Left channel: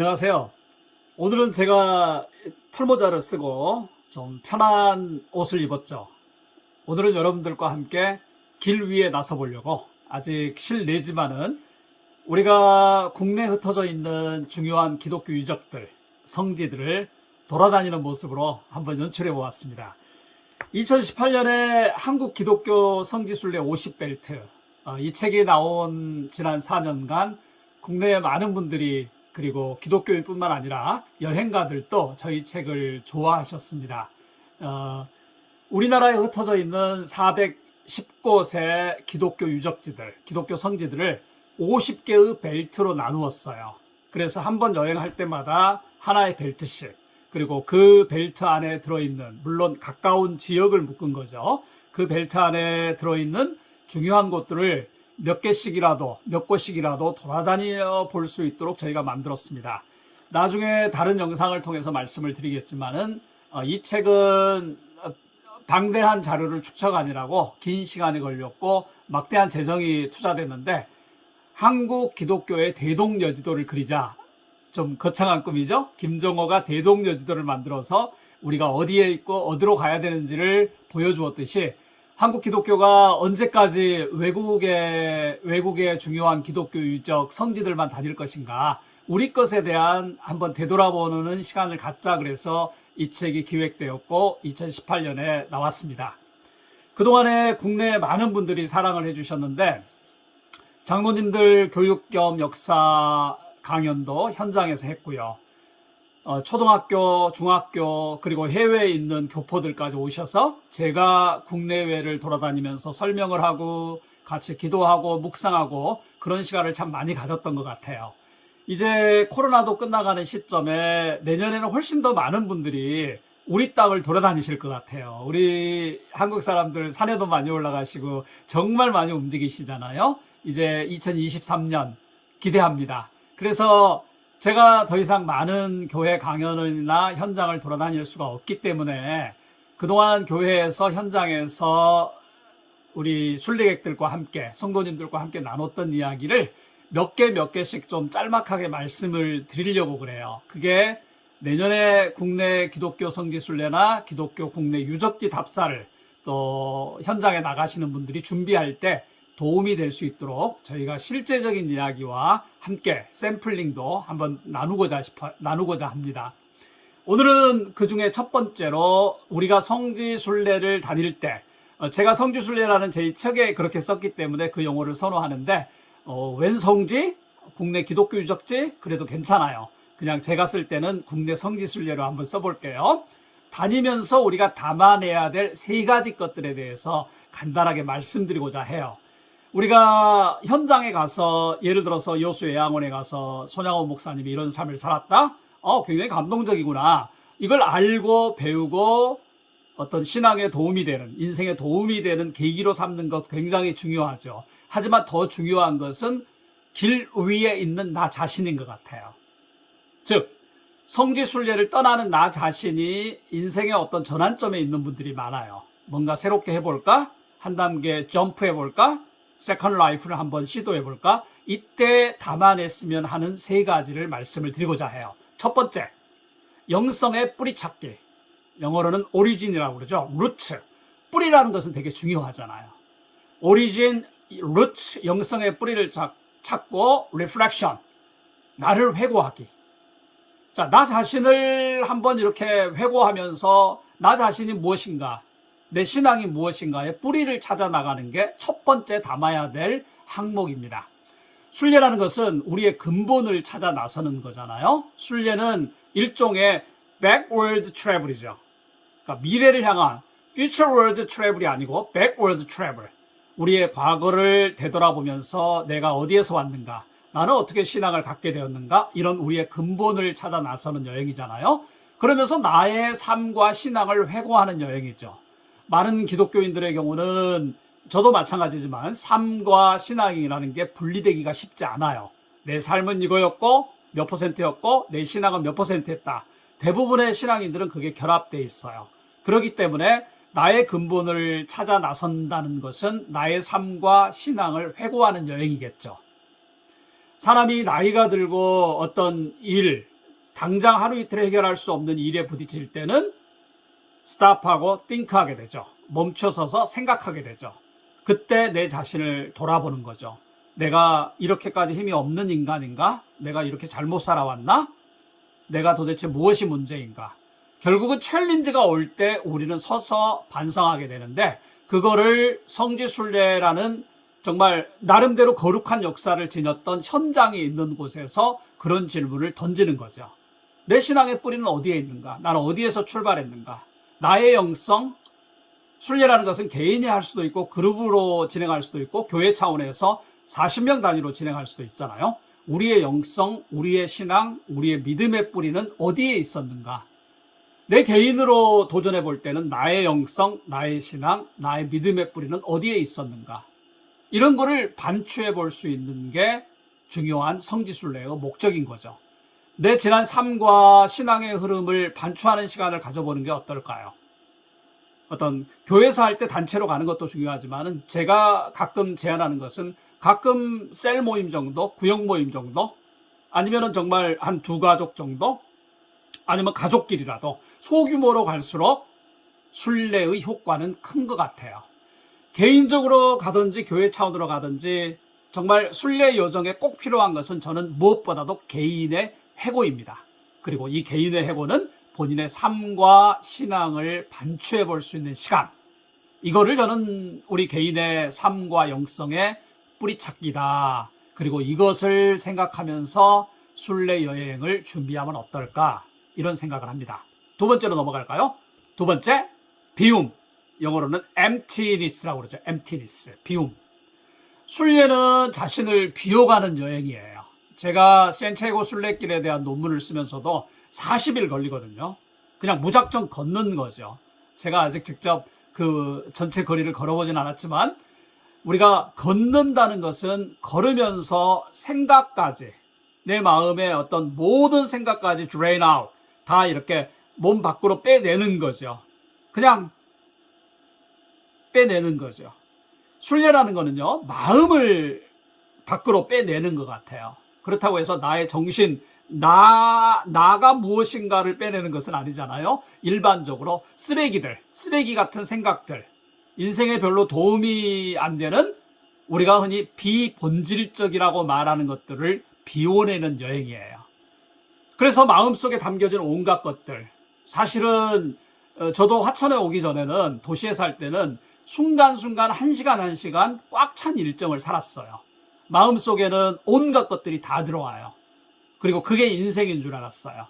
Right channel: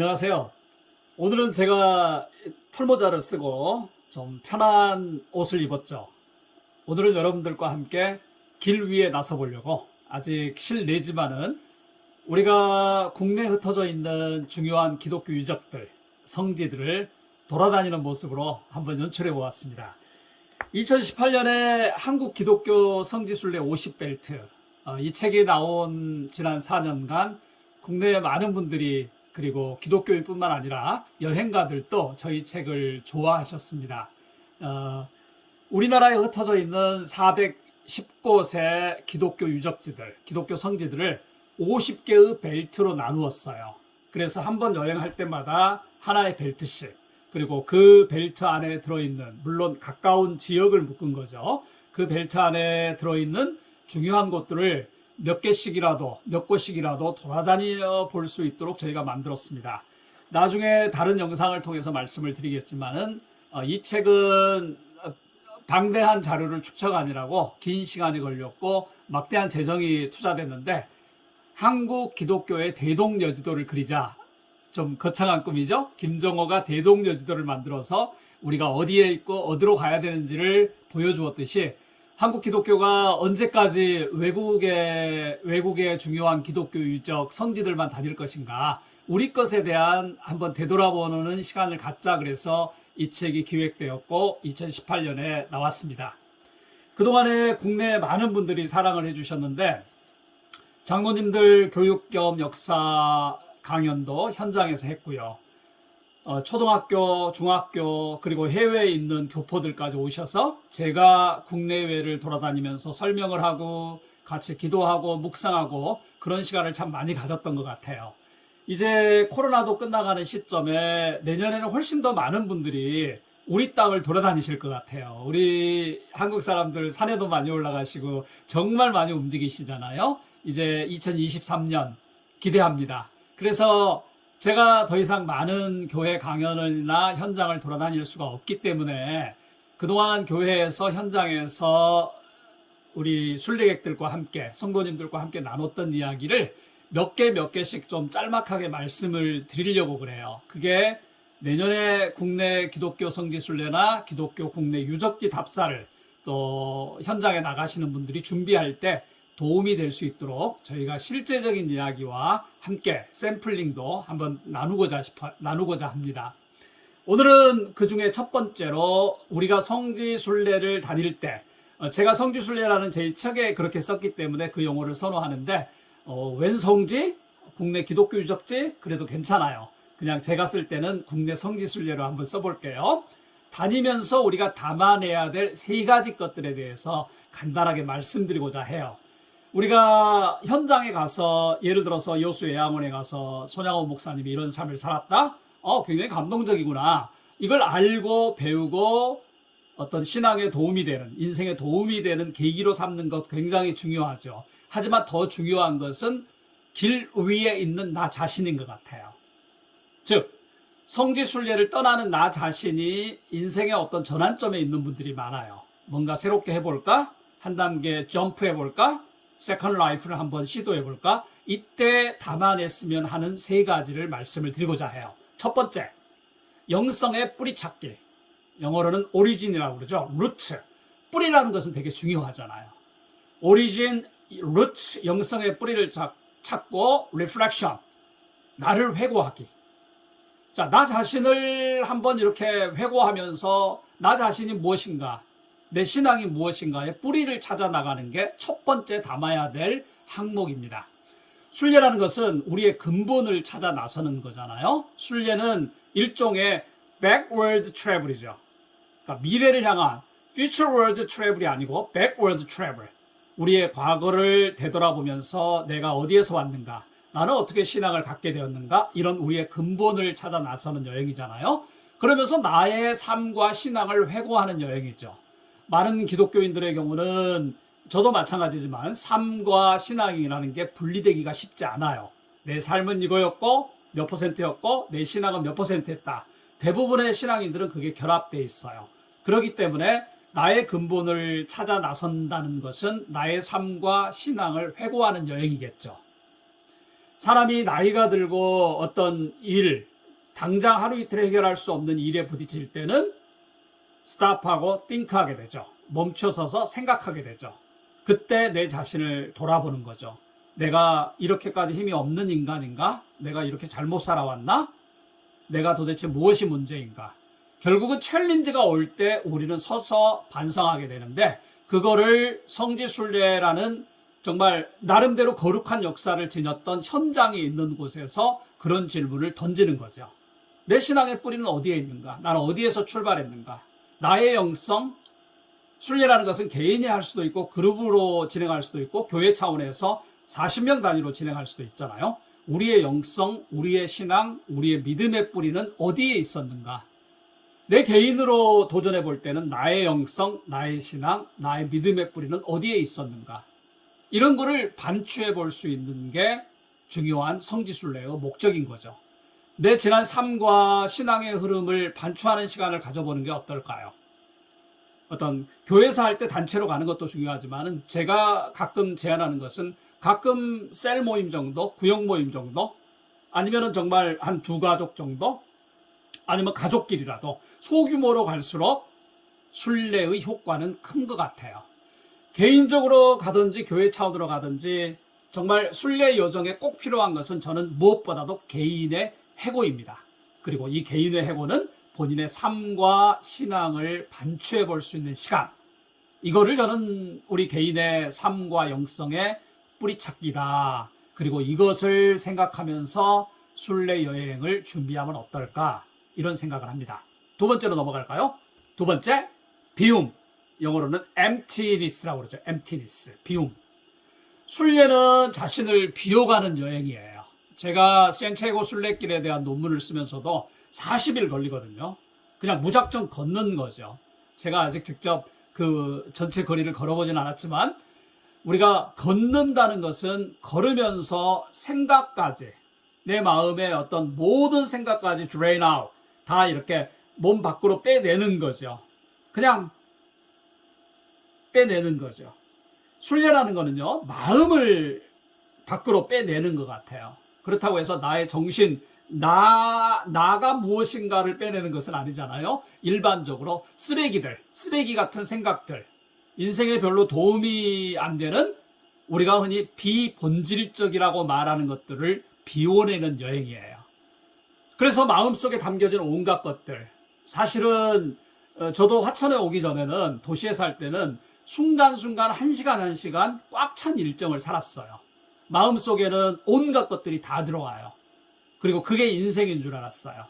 안녕하세요. 오늘은 제가 털모자를 쓰고 좀 편한 옷을 입었죠. 오늘은 여러분들과 함께 길 위에 나서 보려고, 아직 실내지만은 우리가 국내에 흩어져 있는 중요한 기독교 유적들, 성지들을 돌아다니는 모습으로 한번 연출해 보았습니다. 2018년에 한국 기독교 성지순례 50벨트, 이 책이 나온 지난 4년간 국내에 많은 분들이, 그리고 기독교인뿐만 아니라 여행가들도 저희 책을 좋아하셨습니다. 우리나라에 흩어져 있는 410곳의 기독교 유적지들, 기독교 성지들을 50개의 벨트로 나누었어요. 그래서 한 번 여행할 때마다 하나의 벨트씩, 그리고 그 벨트 안에 들어있는, 물론 가까운 지역을 묶은 거죠. 그 벨트 안에 들어있는 중요한 곳들을 몇 곳씩이라도 돌아다녀 볼 수 있도록 저희가 만들었습니다. 나중에 다른 영상을 통해서 말씀을 드리겠지만은, 이 책은 방대한 자료를 축적하느라고 긴 시간이 걸렸고 막대한 재정이 투자됐는데, 한국 기독교의 대동여지도를 그리자, 좀 거창한 꿈이죠. 김정호가 대동여지도를 만들어서 우리가 어디에 있고 어디로 가야 되는지를 보여주었듯이, 한국 기독교가 언제까지 외국의 중요한 기독교 유적 성지들만 다닐 것인가, 우리 것에 대한 한번 되돌아보는 시간을 갖자, 그래서 이 책이 기획되었고 2018년에 나왔습니다. 그동안에 국내 많은 분들이 사랑을 해주셨는데, 장로님들 교육 겸 역사 강연도 현장에서 했고요. 초등학교, 중학교, 그리고 해외에 있는 교포들까지 오셔서 제가 국내외를 돌아다니면서 설명을 하고 같이 기도하고 묵상하고 그런 시간을 참 많이 가졌던 것 같아요. 이제 코로나도 끝나가는 시점에 내년에는 훨씬 더 많은 분들이 우리 땅을 돌아다니실 것 같아요. 우리 한국 사람들 산에도 많이 올라가시고 정말 많이 움직이시잖아요. 이제 2023년 기대합니다. 그래서 제가 더 이상 많은 교회 강연이나 현장을 돌아다닐 수가 없기 때문에, 그동안 교회에서, 현장에서 우리 순례객들과 함께, 성도님들과 함께 나눴던 이야기를 몇 개씩 좀 짤막하게 말씀을 드리려고 그래요. 그게 내년에 국내 기독교 성지순례나 기독교 국내 유적지 답사를 또 현장에 나가시는 분들이 준비할 때 도움이 될 수 있도록 저희가 실제적인 이야기와 함께 샘플링도 한번 나누고자 합니다. 오늘은 그 중에 첫 번째로, 우리가 성지순례를 다닐 때, 제가 성지순례라는 제 책에 그렇게 썼기 때문에 그 용어를 선호하는데, 웬 성지? 국내 기독교 유적지? 그래도 괜찮아요. 그냥 제가 쓸 때는 국내 성지순례로 한번 써볼게요. 다니면서 우리가 담아내야 될 세 가지 것들에 대해서 간단하게 말씀드리고자 해요. 우리가 현장에 가서, 예를 들어서 여수 요양원에 가서 손양원 목사님이 이런 삶을 살았다? 굉장히 감동적이구나. 이걸 알고 배우고 어떤 신앙에 도움이 되는, 인생에 도움이 되는 계기로 삼는 것 굉장히 중요하죠. 하지만 더 중요한 것은 길 위에 있는 나 자신인 것 같아요. 즉, 성지순례를 떠나는 나 자신이 인생의 어떤 전환점에 있는 분들이 많아요. 뭔가 새롭게 해볼까? 한 단계 점프해볼까? 세컨드 라이프를 한번 시도해볼까? 이때 담아냈으면 하는 세 가지를 말씀을 드리고자 해요. 첫 번째, 영성의 뿌리 찾기. 영어로는 오리진이라고 그러죠. 루트. 뿌리라는 것은 되게 중요하잖아요. 오리진, 루트, 영성의 뿌리를 찾고, 리플렉션, 나를 회고하기. 자, 나 자신을 한번 이렇게 회고하면서 나 자신이 무엇인가, 내 신앙이 무엇인가의 뿌리를 찾아 나가는 게 첫 번째 담아야 될 항목입니다. 순례라는 것은 우리의 근본을 찾아 나서는 거잖아요. 순례는 일종의 backward travel이죠. 그러니까 미래를 향한 futureward travel이 아니고 backward travel. 우리의 과거를 되돌아보면서 내가 어디에서 왔는가, 나는 어떻게 신앙을 갖게 되었는가, 이런 우리의 근본을 찾아 나서는 여행이잖아요. 그러면서 나의 삶과 신앙을 회고하는 여행이죠. 많은 기독교인들의 경우는, 저도 마찬가지지만, 삶과 신앙이라는 게 분리되기가 쉽지 않아요. 내 삶은 이거였고 몇 %였고 내 신앙은 몇 %였다. 대부분의 신앙인들은 그게 결합되어 있어요. 그렇기 때문에 나의 근본을 찾아 나선다는 것은 나의 삶과 신앙을 회고하는 여행이겠죠. 사람이 나이가 들고 어떤 일, 당장 하루 이틀 해결할 수 없는 일에 부딪힐 때는 스탑하고 think하게 되죠. 멈춰서서 생각하게 되죠. 그때 내 자신을 돌아보는 거죠. 내가 이렇게까지 힘이 없는 인간인가? 내가 이렇게 잘못 살아왔나? 내가 도대체 무엇이 문제인가? 결국은 챌린지가 올 때 우리는 서서 반성하게 되는데, 그거를 성지순례라는 정말 나름대로 거룩한 역사를 지녔던 현장이 있는 곳에서 그런 질문을 던지는 거죠. 내 신앙의 뿌리는 어디에 있는가? 나는 어디에서 출발했는가? 나의 영성, 순례라는 것은 개인이 할 수도 있고 그룹으로 진행할 수도 있고 교회 차원에서 40명 단위로 진행할 수도 있잖아요. 우리의 영성, 우리의 신앙, 우리의 믿음의 뿌리는 어디에 있었는가? 내 개인으로 도전해 볼 때는 나의 영성, 나의 신앙, 나의 믿음의 뿌리는 어디에 있었는가? 이런 거를 반추해 볼 수 있는 게 중요한 성지순례의 목적인 거죠. 내 지난 삶과 신앙의 흐름을 반추하는 시간을 가져보는 게 어떨까요? 어떤 교회에서 할 때 단체로 가는 것도 중요하지만 제가 가끔 제안하는 것은 가끔 셀 모임 정도, 구역 모임 정도, 아니면은 정말 한 두 가족 정도, 아니면 가족끼리라도 소규모로 갈수록 순례의 효과는 큰 것 같아요. 개인적으로 가든지 교회 차원으로 가든지 정말 순례 여정에 꼭 필요한 것은 저는 무엇보다도 개인의 해고입니다. 그리고 이 개인의 해고는 본인의 삶과 신앙을 반추해 볼 수 있는 시간, 이거를 저는 우리 개인의 삶과 영성의 뿌리찾기다. 그리고 이것을 생각하면서 순례 여행을 준비하면 어떨까, 이런 생각을 합니다. 두 번째로 넘어갈까요? 두 번째, 비움. 영어로는 emptiness라고 그러죠. emptiness, 비움. 순례는 자신을 비워가는 여행이에요. 제가 산티아고 순례길에 대한 논문을 쓰면서도 40일 걸리거든요. 그냥 무작정 걷는 거죠. 제가 아직 직접 그 전체 거리를 걸어보진 않았지만, 우리가 걷는다는 것은 걸으면서 생각까지, 내 마음의 어떤 모든 생각까지 drain out, 다 이렇게 몸 밖으로 빼내는 거죠. 그냥 빼내는 거죠. 순례라는 거는요, 마음을 밖으로 빼내는 것 같아요. 그렇다고 해서 나의 정신, 나가 무엇인가를 빼내는 것은 아니잖아요. 일반적으로 쓰레기 같은 생각들, 인생에 별로 도움이 안 되는, 우리가 흔히 비본질적이라고 말하는 것들을 비워내는 여행이에요. 그래서 마음속에 담겨진 온갖 것들, 사실은 저도 화천에 오기 전에는, 도시에 살 때는 순간순간 한 시간 꽉 찬 일정을 살았어요. 마음속에는 온갖 것들이 다 들어와요. 그리고 그게 인생인 줄 알았어요.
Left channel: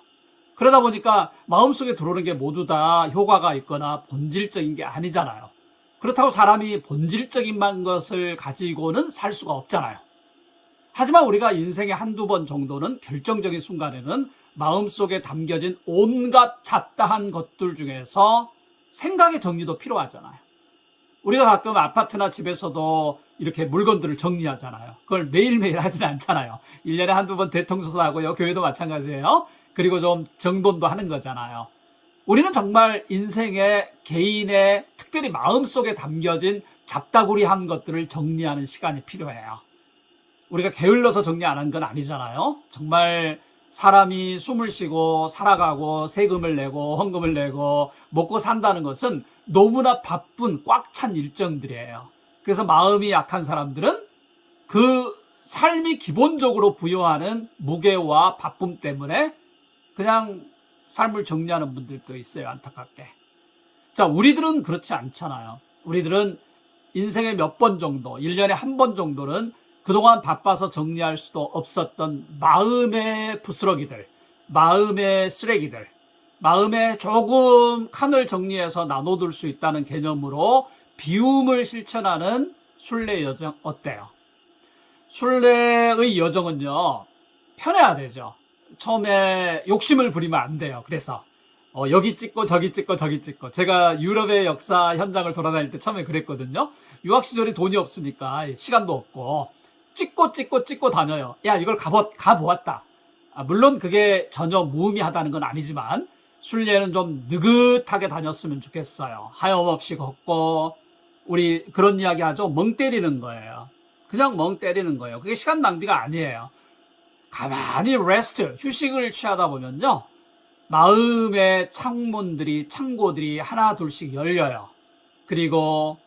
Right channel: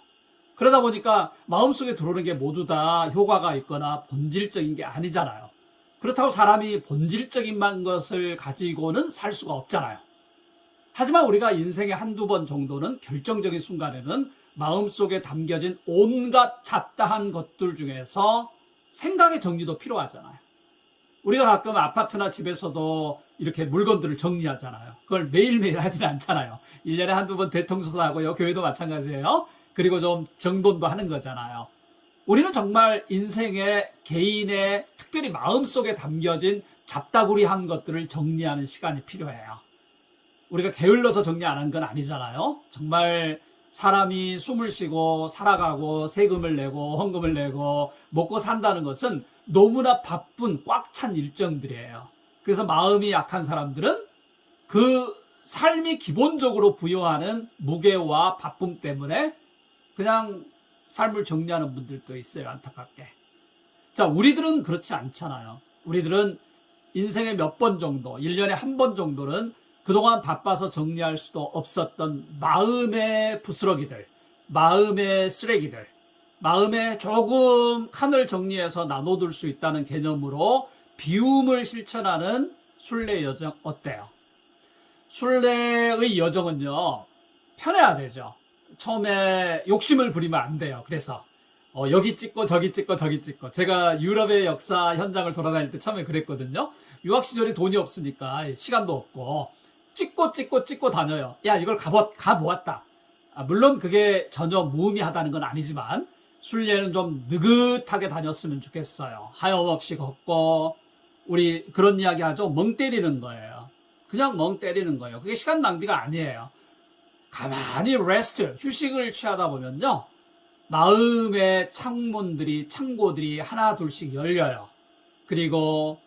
그러다 보니까 마음속에 들어오는 게 모두 다 효과가 있거나 본질적인 게 아니잖아요. 그렇다고 사람이 본질적인 것을 가지고는 살 수가 없잖아요. 하지만 우리가 인생에 한두 번 정도는, 결정적인 순간에는 마음속에 담겨진 온갖 잡다한 것들 중에서 생각의 정리도 필요하잖아요. 우리가 가끔 아파트나 집에서도 이렇게 물건들을 정리하잖아요. 그걸 매일매일 하진 않잖아요. 1년에 한두 번 대청소도 하고요. 교회도 마찬가지예요. 그리고 좀 정돈도 하는 거잖아요. 우리는 정말 인생의, 개인의, 특별히 마음속에 담겨진 잡다구리한 것들을 정리하는 시간이 필요해요. 우리가 게을러서 정리 안 한 건 아니잖아요. 정말 사람이 숨을 쉬고 살아가고 세금을 내고 헌금을 내고 먹고 산다는 것은 너무나 바쁜 꽉 찬 일정들이에요. 그래서 마음이 약한 사람들은 그 삶이 기본적으로 부여하는 무게와 바쁨 때문에 그냥 삶을 정리하는 분들도 있어요, 안타깝게. 자, 우리들은 그렇지 않잖아요. 우리들은 인생에 몇 번 정도, 1년에 한 번 정도는 그동안 바빠서 정리할 수도 없었던 마음의 부스러기들, 마음의 쓰레기들, 마음에 조금 칸을 정리해서 나눠둘 수 있다는 개념으로 비움을 실천하는 순례 여정 어때요? 순례의 여정은요, 편해야 되죠. 처음에 욕심을 부리면 안 돼요. 그래서 여기 찍고 저기 찍고 저기 찍고, 제가 유럽의 역사 현장을 돌아다닐 때 처음에 그랬거든요. 유학 시절이 돈이 없으니까 시간도 없고 찍고 다녀요. 야, 이걸 가보았다. 물론 그게 전혀 무의미하다는 건 아니지만 순례는 좀 느긋하게 다녔으면 좋겠어요. 하염없이 걷고, 우리 그런 이야기 하죠. 멍 때리는 거예요. 그냥 멍 때리는 거예요. 그게 시간 낭비가 아니에요. 가만히 레스트, 휴식을 취하다 보면요. 마음의 창고들이 하나 둘씩 열려요. 그리고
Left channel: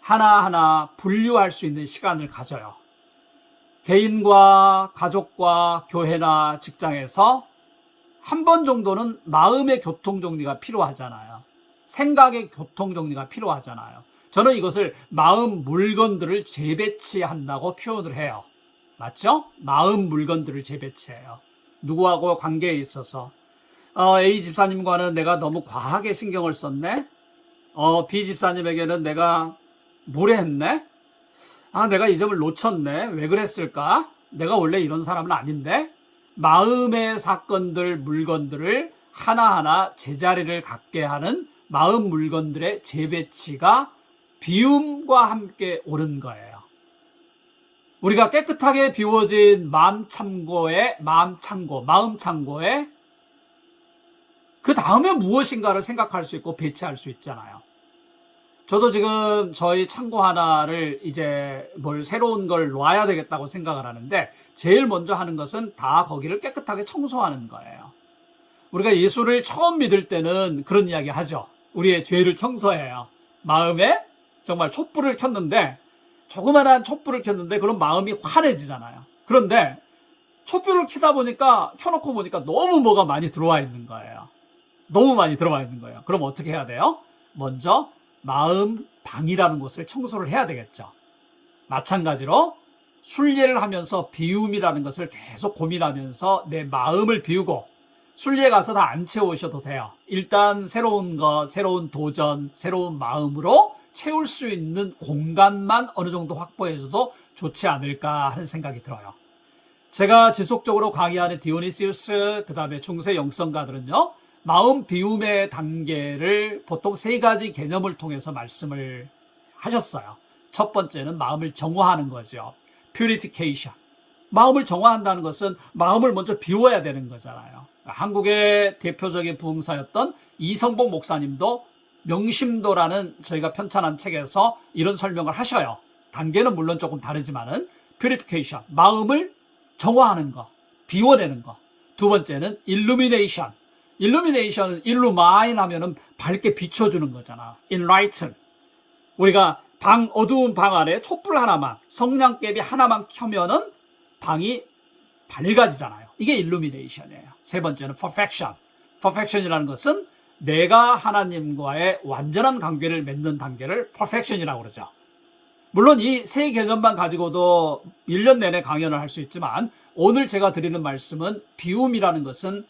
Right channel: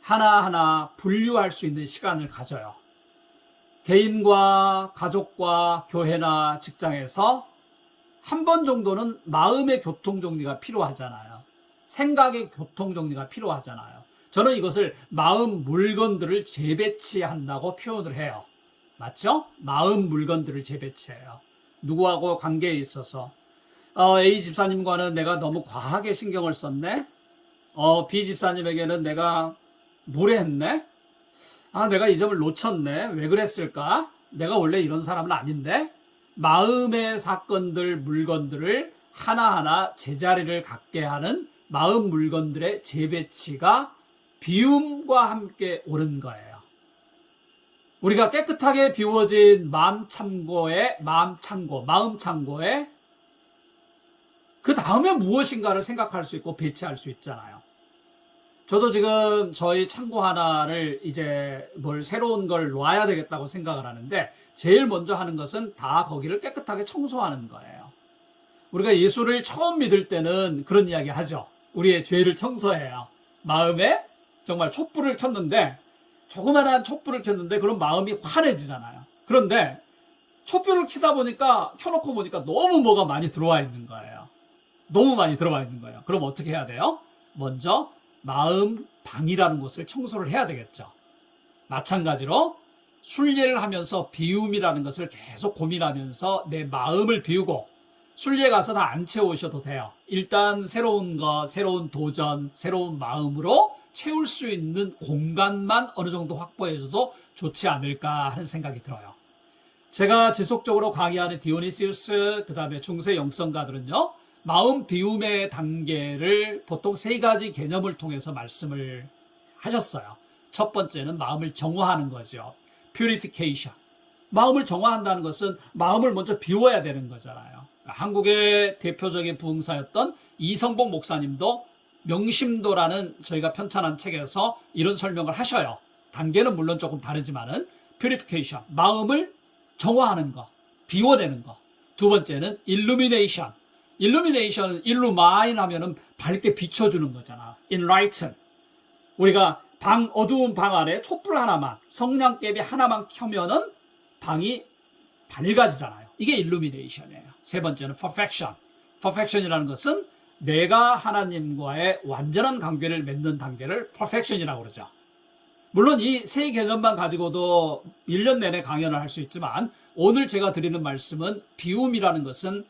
하나하나 분류할 수 있는 시간을 가져요. 개인과 가족과 교회나 직장에서 한 번 정도는 마음의 교통정리가 필요하잖아요. 생각의 교통정리가 필요하잖아요. 저는 이것을 마음 물건들을 재배치한다고 표현을 해요. 맞죠? 마음 물건들을 재배치해요. 누구하고 관계에 있어서 A 집사님과는 내가 너무 과하게 신경을 썼네. B 집사님에게는 내가 무례했네. 내가 이 점을 놓쳤네. 왜 그랬을까? 내가 원래 이런 사람은 아닌데. 마음의 사건들, 물건들을 하나하나 제자리를 갖게 하는 마음 물건들의 재배치가 비움과 함께 오는 거예요. 우리가 깨끗하게 비워진 마음 창고에 그 다음에 무엇인가를 생각할 수 있고 배치할 수 있잖아요. 저도 지금 저희 창고 하나를 이제 새로운 걸 놔야 되겠다고 생각을 하는데 제일 먼저 하는 것은 다 거기를 깨끗하게 청소하는 거예요. 우리가 예수를 처음 믿을 때는 그런 이야기 하죠. 우리의 죄를 청소해요. 마음에 정말 촛불을 켰는데 조그만한 촛불을 켰는데 그런 마음이 환해지잖아요. 그런데 촛불을 켜놓고 보니까 너무 뭐가 많이 들어와 있는 거예요. 너무 많이 들어와 있는 거예요. 그럼 어떻게 해야 돼요? 먼저 마음 방이라는 곳을 청소를 해야 되겠죠. 마찬가지로 순례를 하면서 비움이라는 것을 계속 고민하면서 내 마음을 비우고 순례에 가서 다 안 채우셔도 돼요. 일단 새로운 것, 새로운 도전, 새로운 마음으로 채울 수 있는 공간만 어느 정도 확보해줘도 좋지 않을까 하는 생각이 들어요. 제가 지속적으로 강의하는 디오니시우스, 그 다음에 중세 영성가들은요, 마음 비움의 단계를 보통 세 가지 개념을 통해서 말씀을 하셨어요. 첫 번째는 마음을 정화하는 거죠. purification. 마음을 정화한다는 것은 마음을 먼저 비워야 되는 거잖아요. 한국의 대표적인 부흥사였던 이성복 목사님도 명심도라는 저희가 편찬한 책에서 이런 설명을 하셔요. 단계는 물론 조금 다르지만은 purification, 마음을 정화하는 것, 비워내는 것. 두 번째는 illumination. illumination은 illumine 하면은 밝게 비춰주는 거잖아. enlighten. 우리가 어두운 방 안에 촛불 하나만, 성냥개비 하나만 켜면은 방이 밝아지잖아요. 이게 illumination이에요. 세 번째는 perfection. perfection이라는 것은 내가 하나님과의 완전한 관계를 맺는 단계를 perfection이라고 그러죠. 물론 이 세 개념만 가지고도 1년 내내 강연을 할 수 있지만 오늘 제가 드리는 말씀은 비움이라는 것은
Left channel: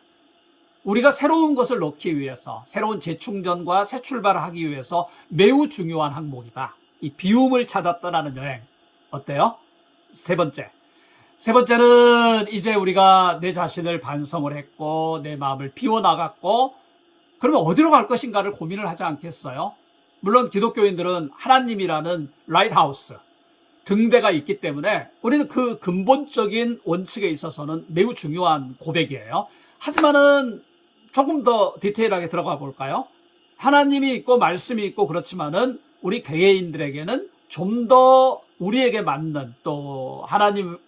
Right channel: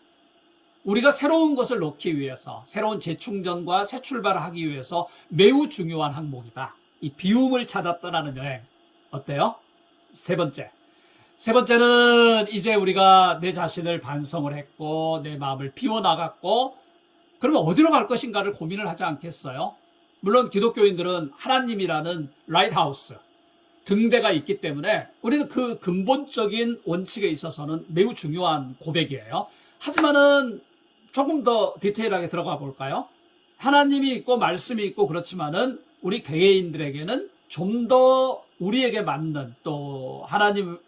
우리가 새로운 것을 넣기 위해서 새로운 재충전과 새 출발을 하기 위해서 매우 중요한 항목이다. 이 비움을 찾아 떠나는 여행. 어때요? 세 번째는 이제 우리가 내 자신을 반성을 했고 내 마음을 비워나갔고 그러면 어디로 갈 것인가를 고민을 하지 않겠어요? 물론 기독교인들은 하나님이라는 라이트하우스, 등대가 있기 때문에 우리는 그 근본적인 원칙에 있어서는 매우 중요한 고백이에요. 하지만은 조금 더 디테일하게 들어가 볼까요? 하나님이 있고 말씀이 있고 그렇지만은 우리 개개인들에게는 좀 더 우리에게 맞는 또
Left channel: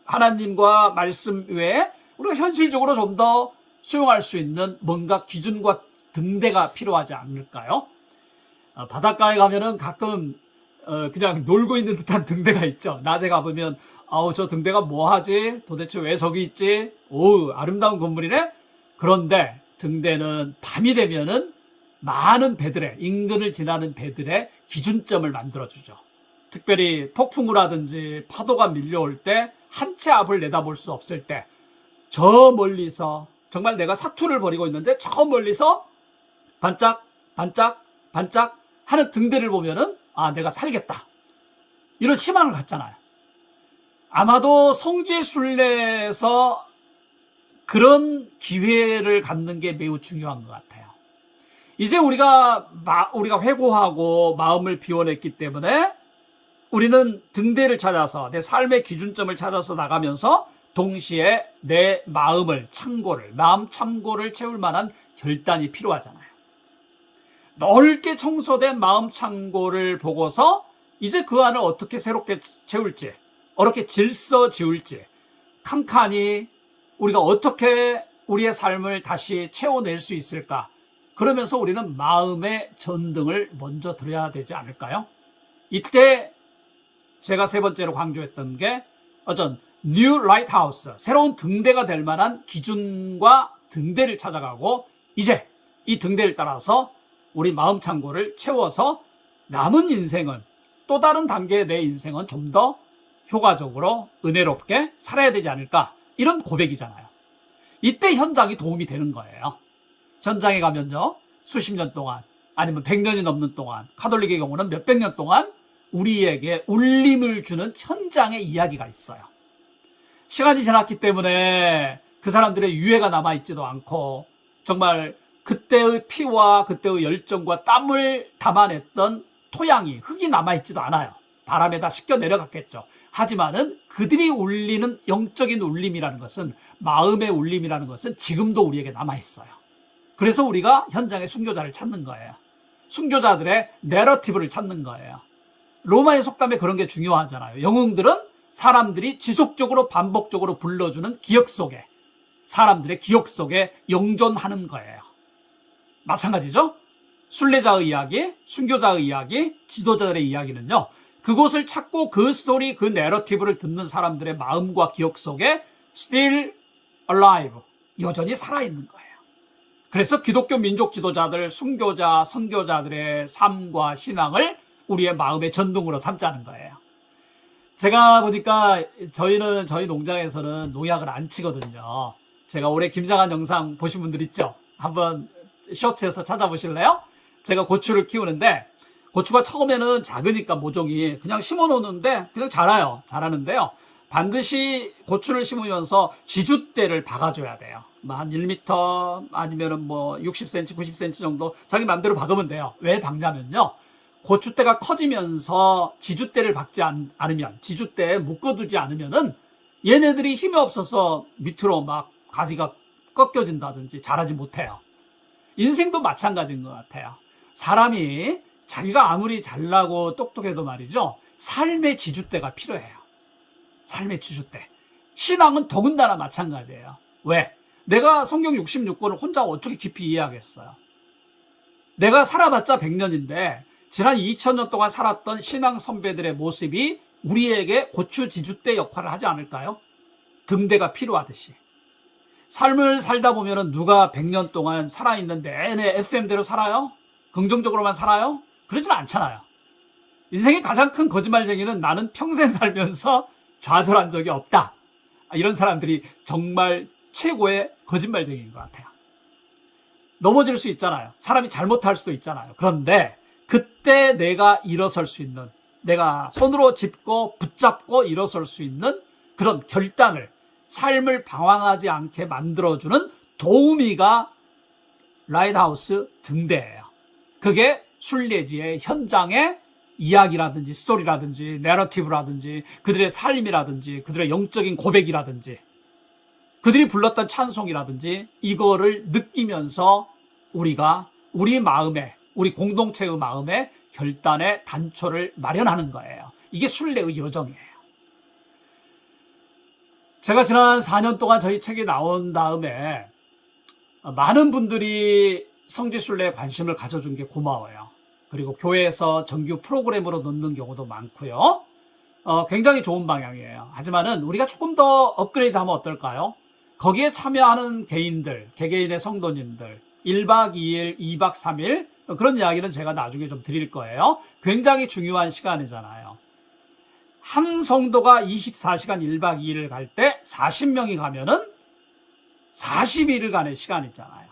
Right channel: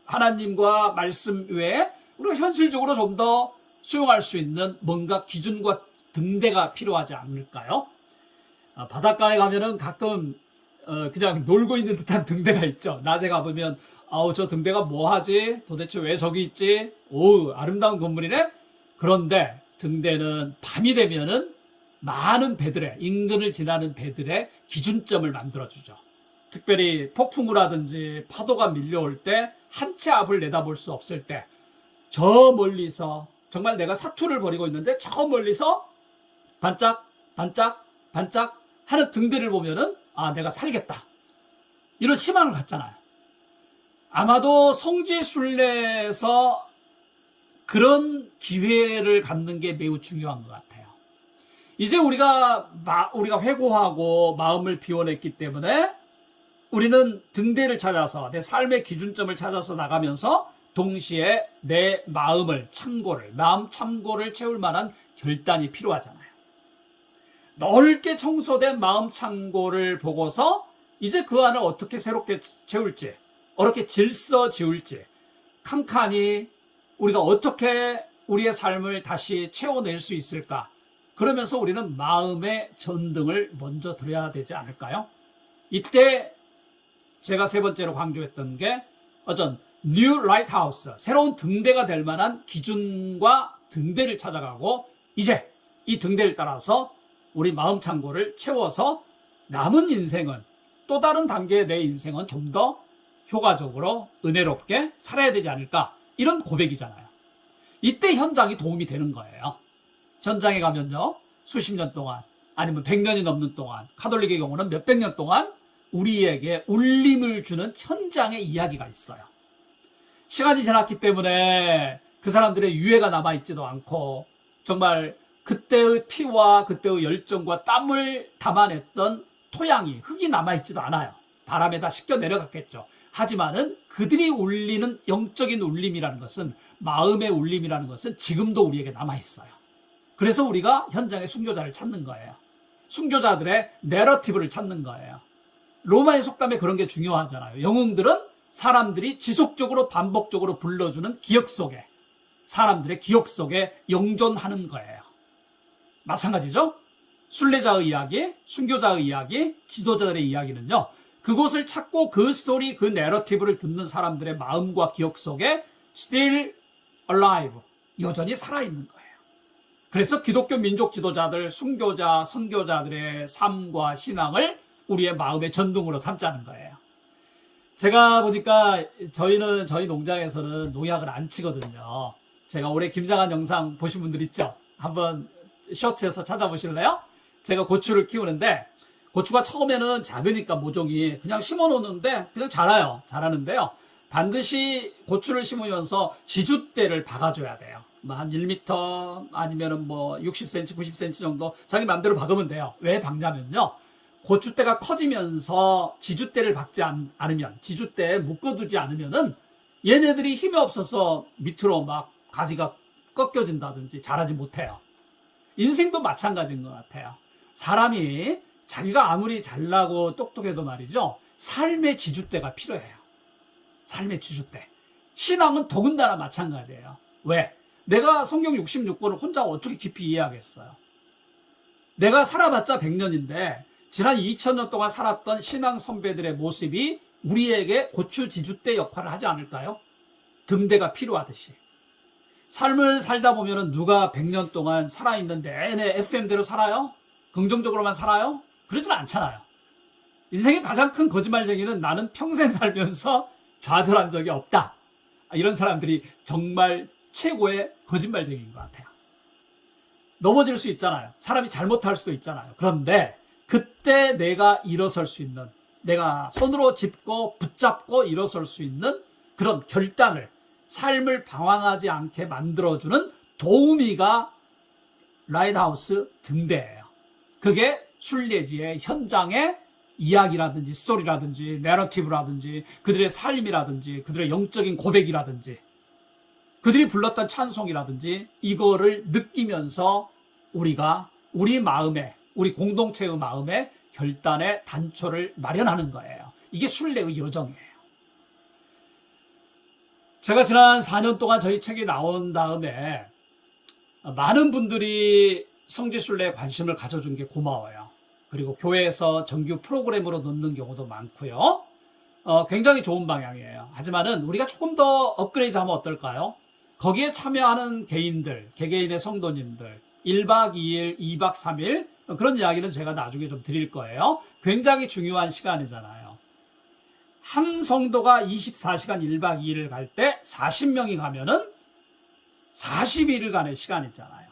하나님과 말씀 외에 우리가 현실적으로 좀 더 수용할 수 있는 뭔가 기준과 등대가 필요하지 않을까요? 바닷가에 가면은 가끔 그냥 놀고 있는 듯한 등대가 있죠. 낮에 가보면 저 등대가 뭐 하지? 도대체 왜 저기 있지? 오, 아름다운 건물이네? 그런데 등대는 밤이 되면은 많은 배들의 인근을 지나는 배들의 기준점을 만들어주죠. 특별히 폭풍우 라든지 파도가 밀려올 때 한 채 앞을 내다볼 수 없을 때 저 멀리서 정말 내가 사투를 벌이고 있는데 저 멀리서 반짝 반짝 반짝 하는 등대를 보면은 내가 살겠다 이런 희망을 갖잖아요. 아마도 성지 순례에서 그런 기회를 갖는 게 매우 중요한 것 같아요. 이제 우리가 회고하고 마음을 비워냈기 때문에 우리는 등대를 찾아서 내 삶의 기준점을 찾아서 나가면서 동시에 내 마음 창고를 채울 만한 결단이 필요하잖아요. 넓게 청소된 마음 창고를 보고서 이제 그 안을 어떻게 새롭게 채울지, 어떻게 질서 지울지 칸칸이 우리가 어떻게 우리의 삶을 다시 채워낼 수 있을까? 그러면서 우리는 마음의 전등을 먼저 들어야 되지 않을까요? 이때 제가 세 번째로 강조했던 게 어떤 뉴 라이트하우스, 새로운 등대가 될 만한 기준과 등대를 찾아가고 이제 이 등대를 따라서 우리 마음 창고를 채워서 남은 인생은 또 다른 단계의 내 인생은 좀 더 효과적으로 은혜롭게 살아야 되지 않을까, 이런 고백이잖아요. 이때 현장이 도움이 되는 거예요. 현장에 가면요, 수십 년 동안 아니면 100년이 넘는 동안, 가톨릭의 경우는 몇백 년 동안 우리에게 울림을 주는 현장의 이야기가 있어요. 시간이 지났기 때문에 그 사람들의 유해가 남아있지도 않고 정말 그때의 피와 그때의 열정과 땀을 담아냈던 토양이, 흙이 남아있지도 않아요. 바람에 다 씻겨 내려갔겠죠. 하지만은 그들이 울리는 영적인 울림이라는 것은, 마음의 울림이라는 것은 지금도 우리에게 남아있어요. 그래서 우리가 현장의 순교자를 찾는 거예요. 순교자들의 내러티브를 찾는 거예요. 로마의 속담에 그런 게 중요하잖아요. 영웅들은 사람들이 지속적으로 반복적으로 불러주는 기억 속에, 사람들의 기억 속에 영존하는 거예요. 마찬가지죠. 순례자의 이야기, 순교자의 이야기, 지도자들의 이야기는요, 그곳을 찾고 그 스토리, 그 내러티브를 듣는 사람들의 마음과 기억 속에 still alive, 여전히 살아있는 거예요. 그래서 기독교 민족 지도자들, 순교자, 선교자들의 삶과 신앙을 우리의 마음의 전등으로 삼자는 거예요. 제가 보니까 저희 농장에서는 농약을 안 치거든요. 제가 올해 김장한 영상 보신 분들 있죠? 한번 쇼츠에서 찾아보실래요? 제가 고추를 키우는데, 고추가 처음에는 작으니까 모종이 그냥 심어 놓는데 그냥 자라는데요. 반드시 고추를 심으면서 지주대를 박아줘야 돼요. 한 1m 아니면은 뭐 60cm, 90cm 정도 자기 마음대로 박으면 돼요. 왜 박냐면요, 고추대가 커지면서 지주대를 박지 않으면, 지주대에 묶어두지 않으면은 얘네들이 힘이 없어서 밑으로 막 가지가 꺾여진다든지 자라지 못해요. 인생도 마찬가지인 것 같아요. 사람이 자기가 아무리 잘나고 똑똑해도 말이죠, 삶의 지주대가 필요해요. 삶의 지주대. 신앙은 더군다나 마찬가지예요. 왜? 내가 성경 66권을 혼자 어떻게 깊이 이해하겠어요? 내가 살아봤자 100년인데 지난 2000년 동안 살았던 신앙 선배들의 모습이 우리에게 고추 지주대 역할을 하지 않을까요? 등대가 필요하듯이. 삶을 살다 보면 누가 100년 동안 살아있는 내내 FM대로 살아요? 긍정적으로만 살아요? 그러진 않잖아요. 인생의 가장 큰 거짓말쟁이는 나는 평생 살면서 좌절한 적이 없다, 이런 사람들이 정말 최고의 거짓말쟁이인 것 같아요. 넘어질 수 있잖아요. 사람이 잘못할 수도 있잖아요. 그런데 그때 내가 일어설 수 있는, 내가 손으로 짚고 붙잡고 일어설 수 있는 그런 결단을, 삶을 방황하지 않게 만들어주는 도우미가 라이트하우스 등대예요. 그게 순례지의 현장의 이야기라든지 스토리라든지 내러티브라든지 그들의 삶이라든지 그들의 영적인 고백이라든지 그들이 불렀던 찬송이라든지 이거를 느끼면서 우리가 우리 마음에, 우리 공동체의 마음에 결단의 단초를 마련하는 거예요. 이게 순례의 여정이에요. 제가 지난 4년 동안 저희 책이 나온 다음에 많은 분들이 성지순례에 관심을 가져준 게 고마워요. 그리고 교회에서 정규 프로그램으로 넣는 경우도 많고요. 굉장히 좋은 방향이에요. 하지만은 우리가 조금 더 업그레이드하면 어떨까요? 거기에 참여하는 개인들, 개개인의 성도님들, 1박 2일, 2박 3일, 그런 이야기는 제가 나중에 좀 드릴 거예요. 굉장히 중요한 시간이잖아요. 한 성도가 24시간 1박 2일을 갈 때 40명이 가면은 42일간의 시간이 있잖아요.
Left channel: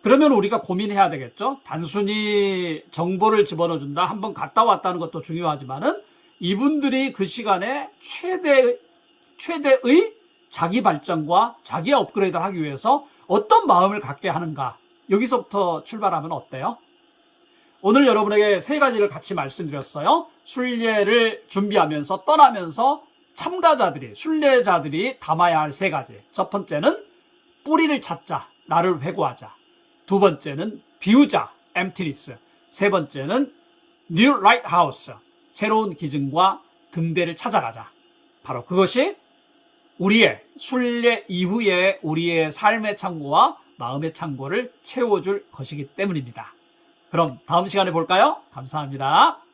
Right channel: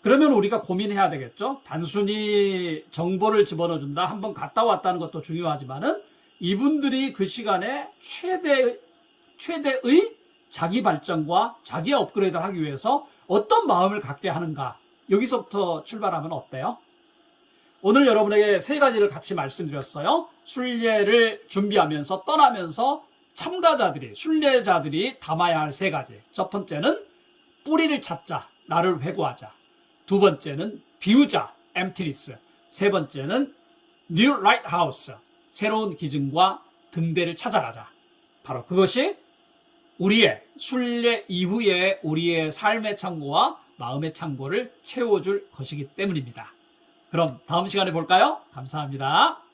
그러면 우리가 고민해야 되겠죠. 단순히 정보를 집어넣어준다, 한번 갔다 왔다는 것도 중요하지만은 이분들이 그 시간에 최대의 자기 발전과 자기 업그레이드를 하기 위해서 어떤 마음을 갖게 하는가, 여기서부터 출발하면 어때요? 오늘 여러분에게 세 가지를 같이 말씀드렸어요. 순례를 준비하면서 떠나면서 참가자들이, 순례자들이 담아야 할 세 가지. 첫 번째는 뿌리를 찾자, 나를 회고하자. 두 번째는 비우자, emptiness. 세 번째는 new lighthouse, 새로운 기준과 등대를 찾아가자. 바로 그것이 우리의 순례 이후에 우리의 삶의 창고와 마음의 창고를 채워줄 것이기 때문입니다. 그럼 다음 시간에 볼까요? 감사합니다.